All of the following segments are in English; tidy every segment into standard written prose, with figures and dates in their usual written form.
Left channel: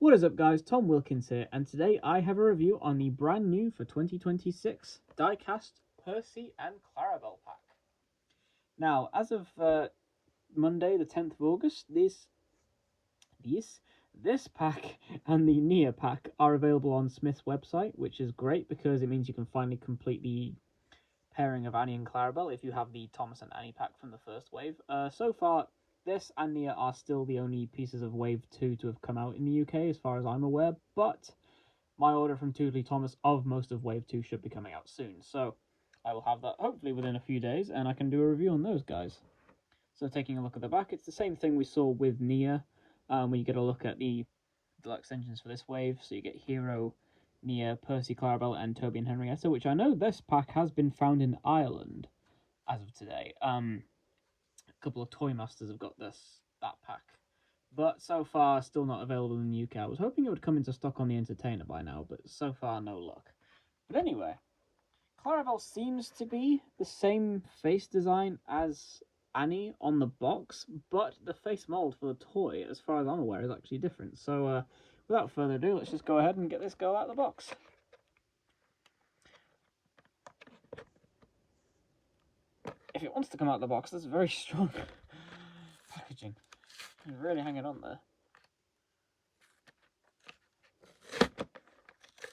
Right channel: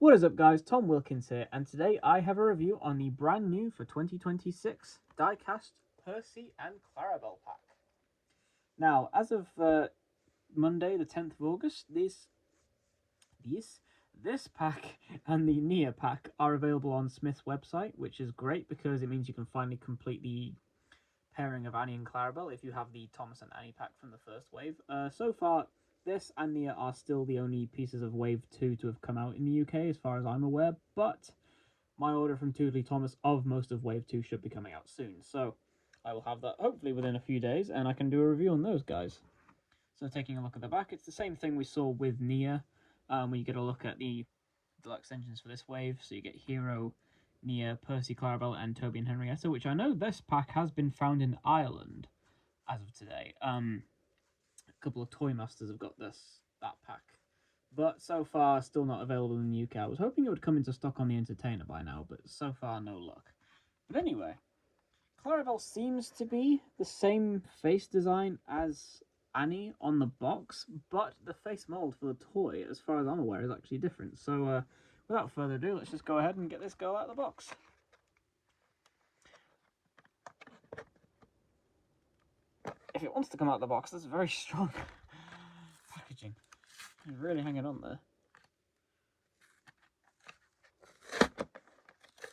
What is up guys, Tom Wilkins here, and today I have a review on the brand new for 2026 Diecast Percy and Clarabel pack. Now, as of Monday the 10th of August, this pack and the Nia pack are available on Smith's website, which is great because it means you can finally complete the pairing of Annie and Clarabel if you have the Thomas and Annie pack from the first wave. So far, this and Nia are still the only pieces of Wave 2 to have come out in the UK, as far as I'm aware, but my order from Toodley Thomas of most of Wave 2 should be coming out soon, so I will have that hopefully within a few days, and I can do a review on those guys. So taking a look at the back, it's the same thing we saw with Nia, when you get a look at the deluxe engines for this wave, so you get Hero, Nia, Percy, Clarabel, and Toby and Henrietta, which I know this pack has been found in Ireland as of today. A couple of Toy Masters have got that pack, but so far still not available in the UK. I was hoping it would come into stock on the Entertainer by now, but so far no luck. But anyway, Clarabel seems to be the same face design as Annie on the box, but the face mold for the toy, as far as I'm aware, is actually different. So without further ado, let's just go ahead and get this girl out of the box. If it wants to come out of the box, that's very strong packaging. It's really hanging on there.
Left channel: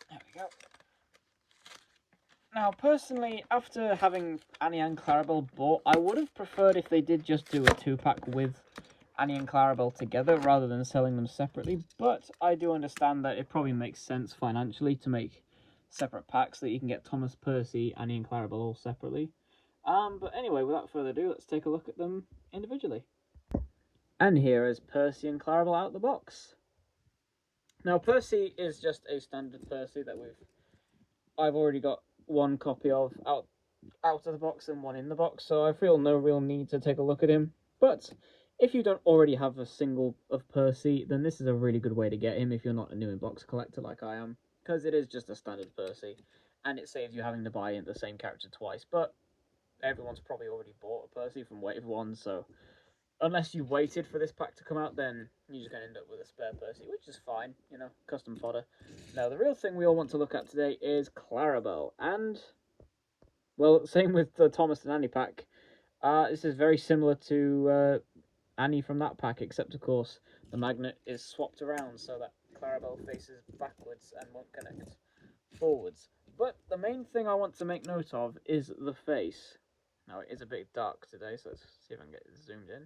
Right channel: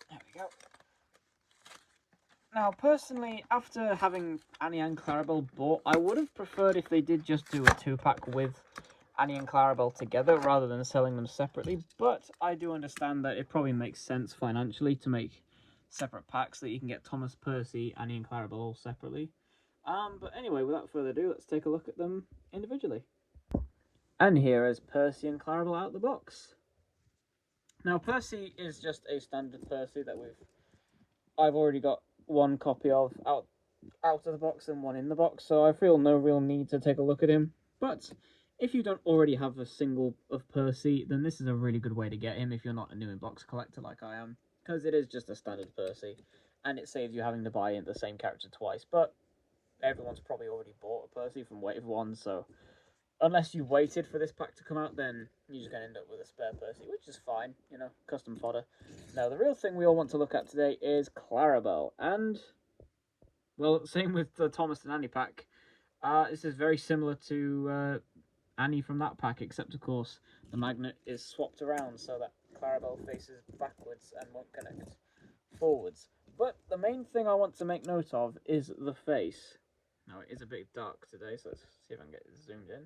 There we go. Now, personally, after having Annie and Clarabel bought, I would have preferred if they did just do a 2-pack with Annie and Clarabel together rather than selling them separately, but I do understand that it probably makes sense financially to make separate packs so that you can get Thomas, Percy, Annie and Clarabel all separately. But anyway, without further ado, let's take a look at them individually. And here is Percy and Clarabel out of the box. Now, Percy is just a standard Percy that I've already got one copy of out of the box and one in the box, so I feel no real need to take a look at him. But if you don't already have a single of Percy, then this is a really good way to get him if you're not a new in-box collector like I am, because it is just a standard Percy, and it saves you having to buy in the same character twice. But everyone's probably already bought a Percy from Wave 1, so unless you waited for this pack to come out, then you're just going to end up with a spare Percy, which is fine, you know, custom fodder. Now, the real thing we all want to look at today is Clarabel, and, well, same with the Thomas and Annie pack. This is very similar to Annie from that pack, except, of course, the magnet is swapped around so that Clarabel faces backwards and won't connect forwards. But the main thing I want to make note of is the face. Now, it is a bit dark today, so let's see if I can get it zoomed in.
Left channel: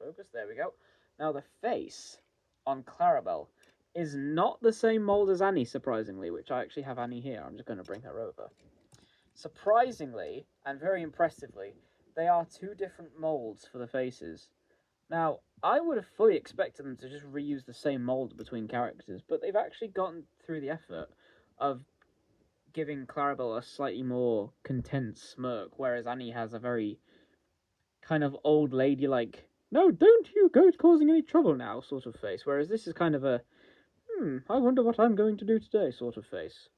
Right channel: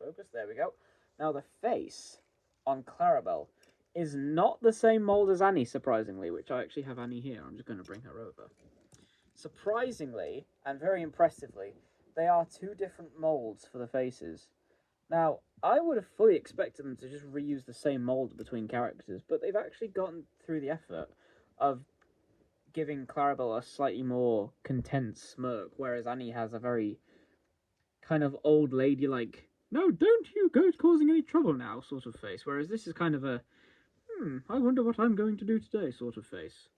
Focus, there we go. Now the face on Clarabel is not the same mold as Annie, surprisingly, which I actually have Annie here. I'm just going to bring her over. Surprisingly, and very impressively, they are two different molds for the faces. Now, I would have fully expected them to just reuse the same mold between characters, but they've actually gotten through the effort of giving Clarabel a slightly more content smirk, whereas Annie has a very kind of old lady-like, no, don't you go causing any trouble now sort of face, whereas this is kind of a, I wonder what I'm going to do today sort of face.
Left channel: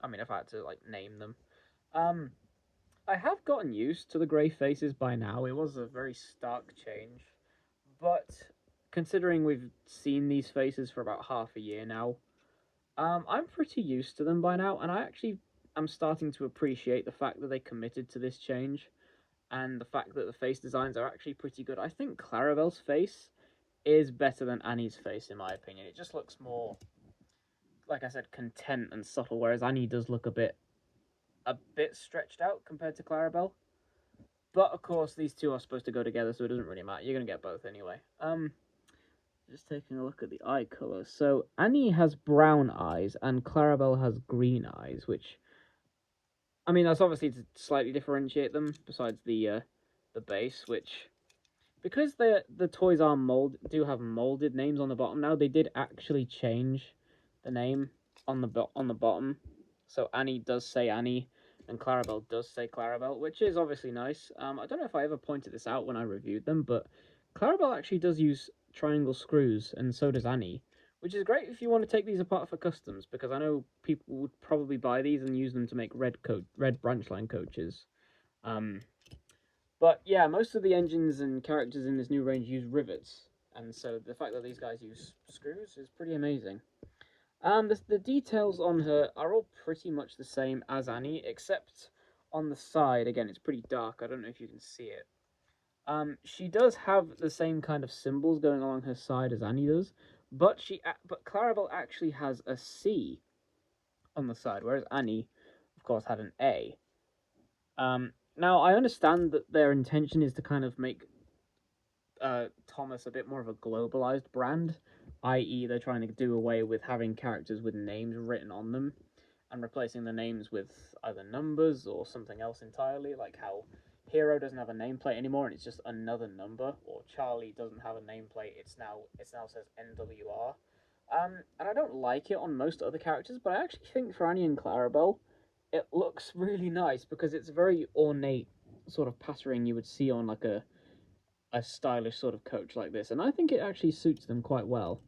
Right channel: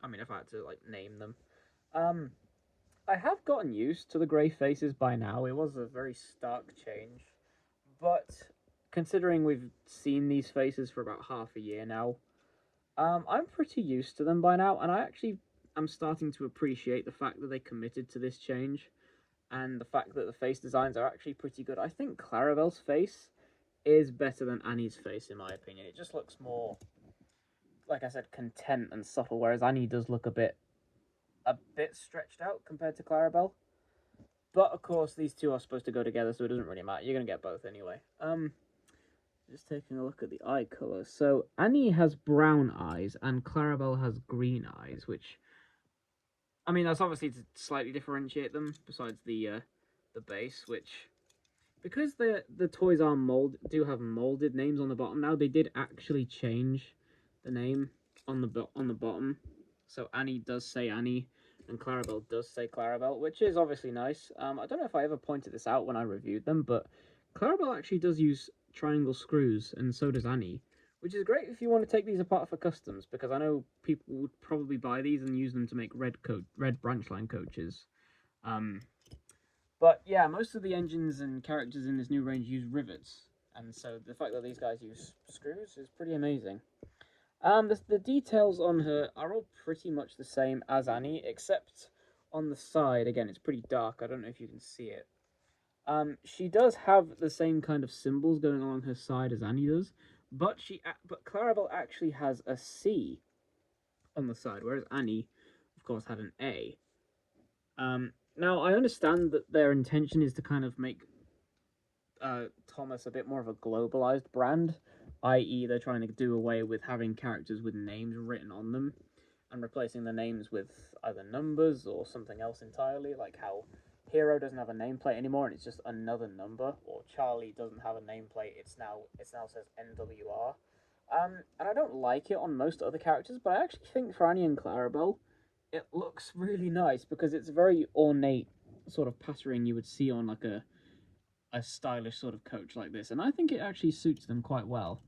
I mean, if I had to, like, name them. I have gotten used to the grey faces by now. It was a very stark change, but considering we've seen these faces for about half a year now, I'm pretty used to them by now, and I actually am starting to appreciate the fact that they committed to this change. And the fact that the face designs are actually pretty good. I think Clarabel's face is better than Annie's face, in my opinion. It just looks more, like I said, content and subtle, whereas Annie does look a bit stretched out compared to Clarabel. But, of course, these two are supposed to go together, so it doesn't really matter. You're going to get both anyway. Just taking a look at the eye colour. So, Annie has brown eyes, and Clarabel has green eyes, which, I mean, that's obviously to slightly differentiate them, besides the base, which, because the toys are do have molded names on the bottom now, they did actually change the name on the bottom. So Annie does say Annie, and Clarabel does say Clarabel, which is obviously nice. I don't know if I ever pointed this out when I reviewed them, but Clarabel actually does use triangle screws, and so does Annie, which is great if you want to take these apart for customs, because I know people would probably buy these and use them to make red branch line coaches. But yeah, most of the engines and characters in this new range use rivets, and so the fact that these guys use screws is pretty amazing. The details on her are all pretty much the same as Annie, except on the side. Again, it's pretty dark. I don't know if you can see it. She does have the same kind of symbols going along her side as Annie does, but but Clarabel actually has a C on the side, whereas Annie, of course, had an A. Now I understand that their intention is to kind of make Thomas a bit more of a globalized brand, i.e., they're trying to do away with having characters with names written on them and replacing the names with either numbers or something else entirely, like how Hero doesn't have a nameplate anymore and it's just another number, or Charlie doesn't have a nameplate, it now says NWR. And I don't like it on most other characters, but I actually think for Annie and Clarabel, it looks really nice because it's a very ornate sort of pattern you would see on like a stylish sort of coach like this, and I think it actually suits them quite well.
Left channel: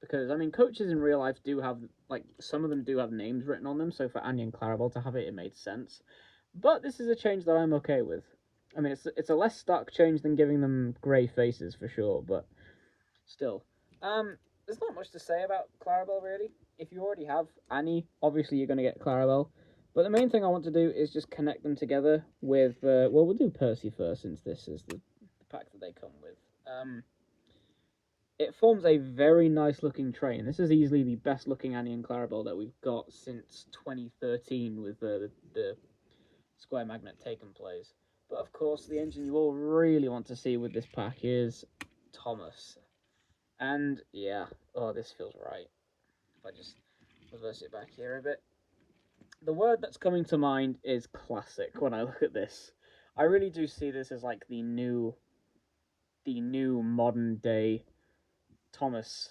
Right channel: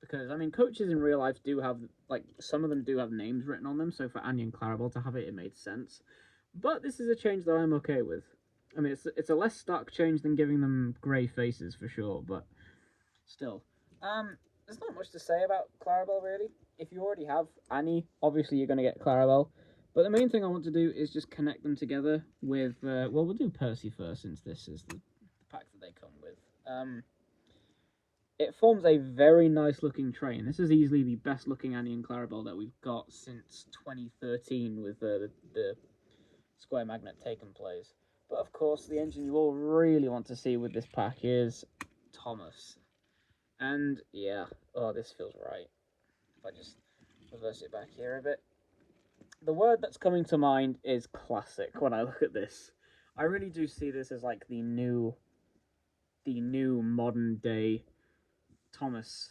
Because I mean, coaches in real life do have like some of them do have names written on them, so for Annie and Clarabel to have it, it made sense. But this is a change that I'm okay with. I mean, it's a less stark change than giving them grey faces for sure, but still, there's not much to say about Clarabel really. If you already have Annie, obviously you're going to get Clarabel. But the main thing I want to do is just connect them together with. Well, we'll do Percy first since this is the pack that they come with. It forms a very nice looking train. This is easily the best looking Annie and Clarabel that we've got since 2013 with the Square Magnet taken plays. But of course, the engine you all really want to see with this pack is Thomas. And yeah, oh, this feels right. If I just reverse it back here a bit. The word that's coming to mind is classic when I look at this. I really do see this as like the new modern day Thomas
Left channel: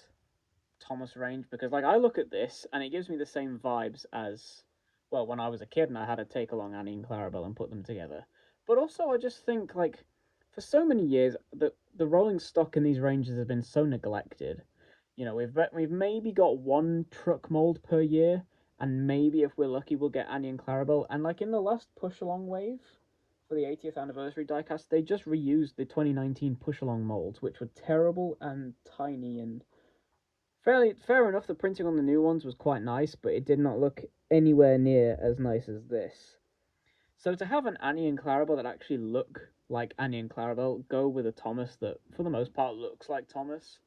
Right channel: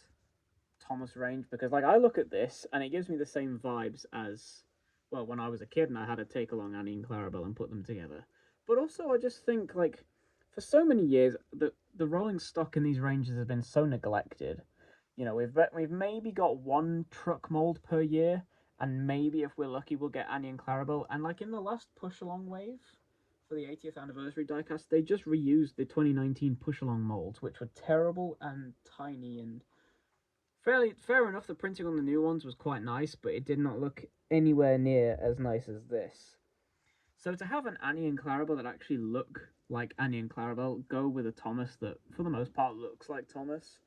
range, because like I look at this and it gives me the same vibes as, well, when I was a kid and I had to take along Annie and Clarabel and put them together. But also I just think like for so many years the rolling stock in these ranges has been so neglected. You know, we've maybe got one truck mold per year, and maybe if we're lucky we'll get Annie and Clarabel. And like in the last push along wave for the 80th anniversary diecast, they just reused the 2019 push along molds, which were terrible and tiny and fair enough. The printing on the new ones was quite nice, but it did not look anywhere near as nice as this. So to have an Annie and Clarabel that actually look like Annie and Clarabel go with a Thomas that, for the most part, looks like Thomas,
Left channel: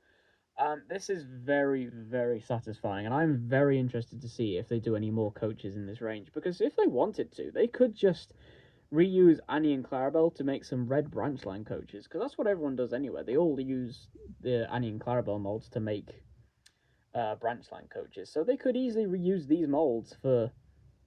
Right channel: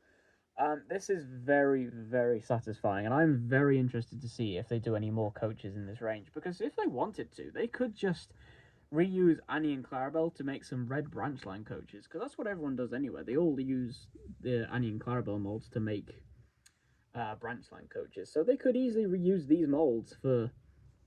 this is very, very satisfying, and I'm very interested to see if they do any more coaches in this range, because if they wanted to, they could just reuse Annie and Clarabel to make some red branch line coaches, because that's what everyone does anyway. They all use the Annie and Clarabel molds to make branch line coaches, so they could easily reuse these molds for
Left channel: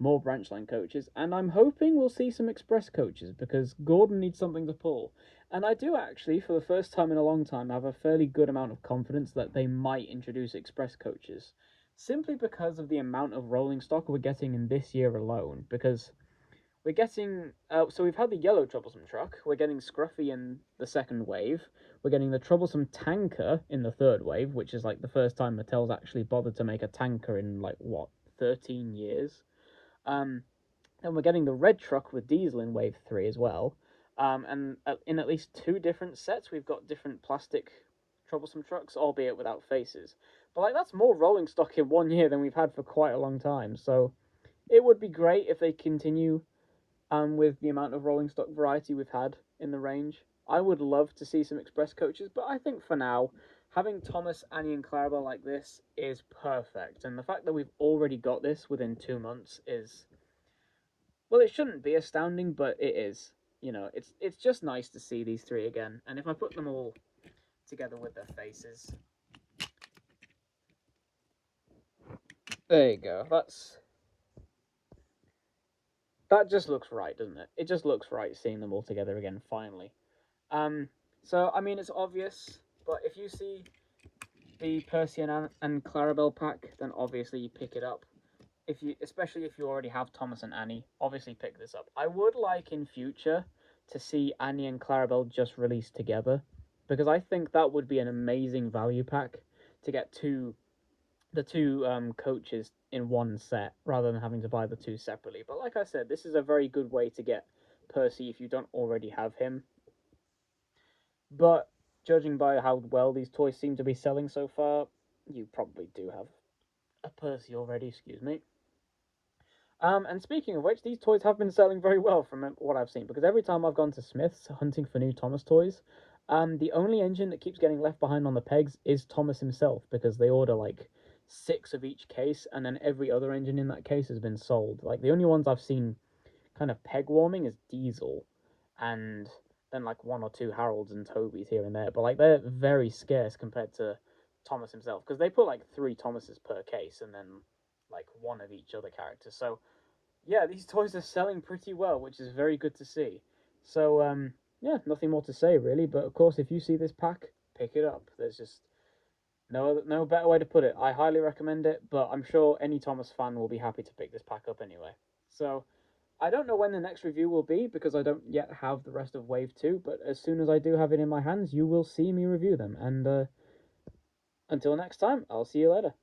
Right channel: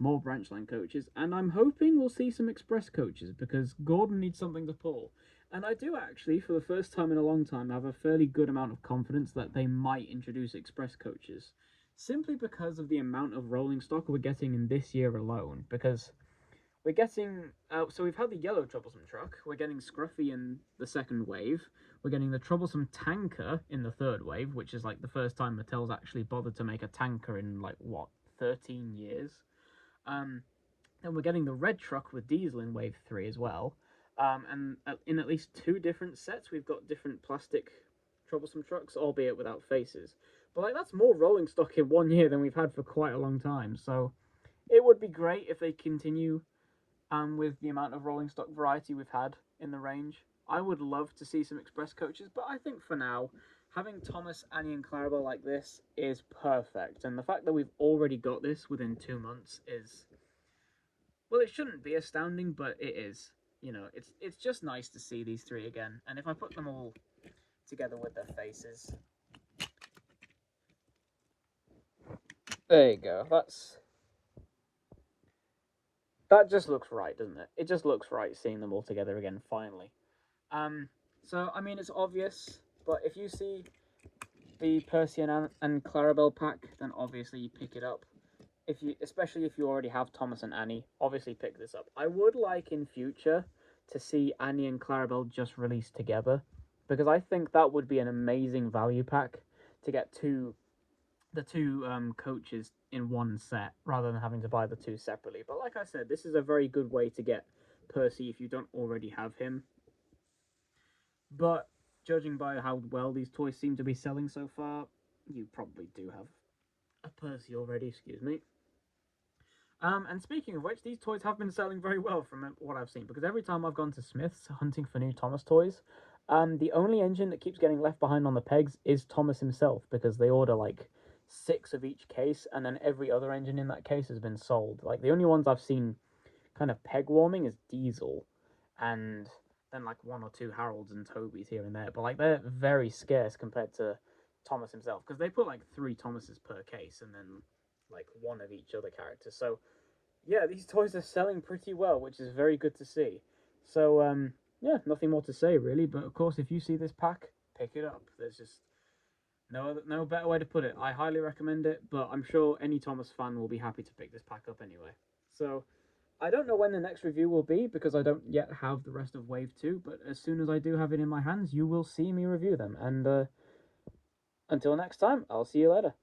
more branch line coaches, and I'm hoping we'll see some express coaches, because Gordon needs something to pull. And I do actually, for the first time in a long time, have a fairly good amount of confidence that they might introduce express coaches, simply because of the amount of rolling stock we're getting in this year alone, because we're getting, so we've had the yellow troublesome truck, we're getting Scruffy in the second wave, we're getting the troublesome tanker in the third wave, which is like the first time Mattel's actually bothered to make a tanker in like, what, 13 years? Then we're getting the red truck with diesel in wave 3 as well. And in at least 2 different sets, we've got different plastic troublesome trucks, albeit without faces. But like that's more rolling stock in 1 year than we've had for quite a long time. So it would be great if they continue with the amount of rolling stock variety we've had in the range. I would love to see some express coaches, but I think for now, having Thomas, Annie, and Clarabel like this is perfect. And the fact that we've already got this within 2 months is, well, it shouldn't be astounding, but it is. You know, it's just nice to see these three again. And if I put them all together with their faces, there you go. That just looks right, doesn't it? It just looks right seeing them all together again, finally. So, I mean, it's obvious, but if you see the Percy and Clarabel pack, then obviously you pick it up. Especially if you already have Thomas and Annie, obviously pick this up. I would like in future to see Annie and Clarabel just released together, because I think that would be an amazing value pack to get the two coaches in one set rather than having to buy the two separately. But like I said, this is a very good way to get Percy if you don't already have him. But judging by how well these toys seem to be selling so far, you probably do have a Percy already, excuse me. And speaking of which, these toys have been selling very well from what I've seen, because every time I've gone to Smith's hunting for new Thomas toys, the only engine that keeps getting left behind on the pegs is Thomas himself, because they order like 6 of each case, and then every other engine in that case has been sold. Like, the only ones I've seen kind of peg warming is Diesel, and then like 1 or 2 Harolds and Tobys here and there, but like they're very scarce compared to Thomas himself, because they put like 3 Thomases per case, and then like 1 of each other character. So yeah, these toys are selling pretty well, which is very good to see. So yeah, nothing more to say really. But of course, if you see this pack, pick it up. There's just no better way to put it. I highly recommend it, but I'm sure any Thomas fan will be happy to pick this pack up anyway. So I don't know when the next review will be, because I don't yet have the rest of Wave 2, but as soon as I do have it in my hands, you will see me review them. And until next time, I'll see you later.